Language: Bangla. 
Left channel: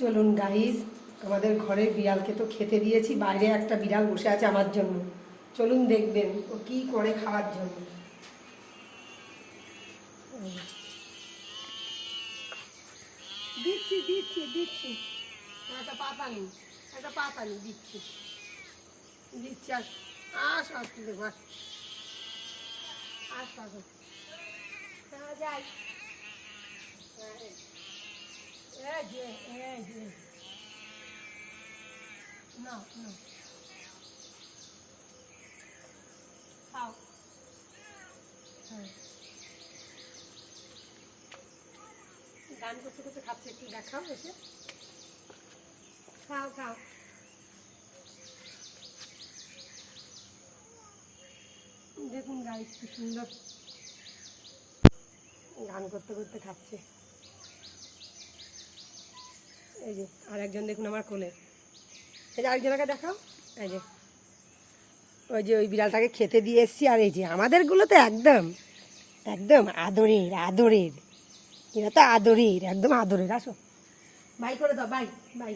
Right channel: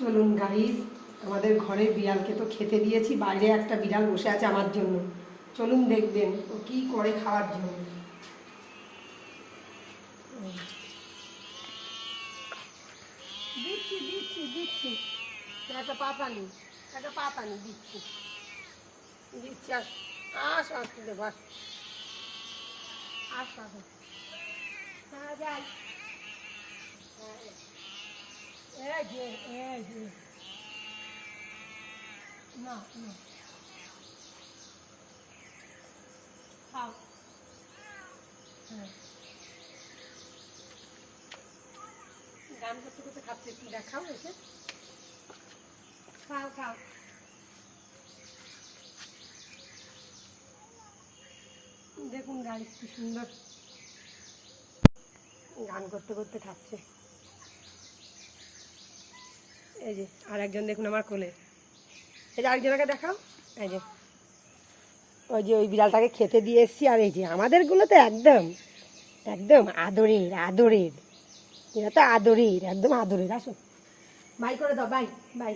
চলুন গাইস, আমাদের ঘরের বিড়ালকে তো খেতে দিয়েছি, বাইরে একটা বিড়াল বসে আছে আমার জন্য। চলুন দেখবেন ও কি করে খাওয়ার জন্য। দিচ্ছি দিচ্ছি দিচ্ছি, একটা পাতানি দিচ্ছি দিচ্ছি। আস আসতে দেব, আস যাই। এই যে না না খাও। হ্যাঁ, গান করতে করতে খাচ্ছে, একটু দেখাও এসে। খাও খাও। দেখুন গাইস কি সুন্দর গান করতে করতে খাচ্ছে। এই যে আর একজন দেখুন আমার কোলে, এই যে আরেকজনকে দেখাও। এই যে ওই যে ওই বিড়ালটাকে খেতে দিয়ে এসছি। আর এই যে আমাদেরগুলো তো একদম একদম আদরের আদরের, এরা তো আদরের, একদম আদরের। আসো বাই করে দাও, বাই বাই।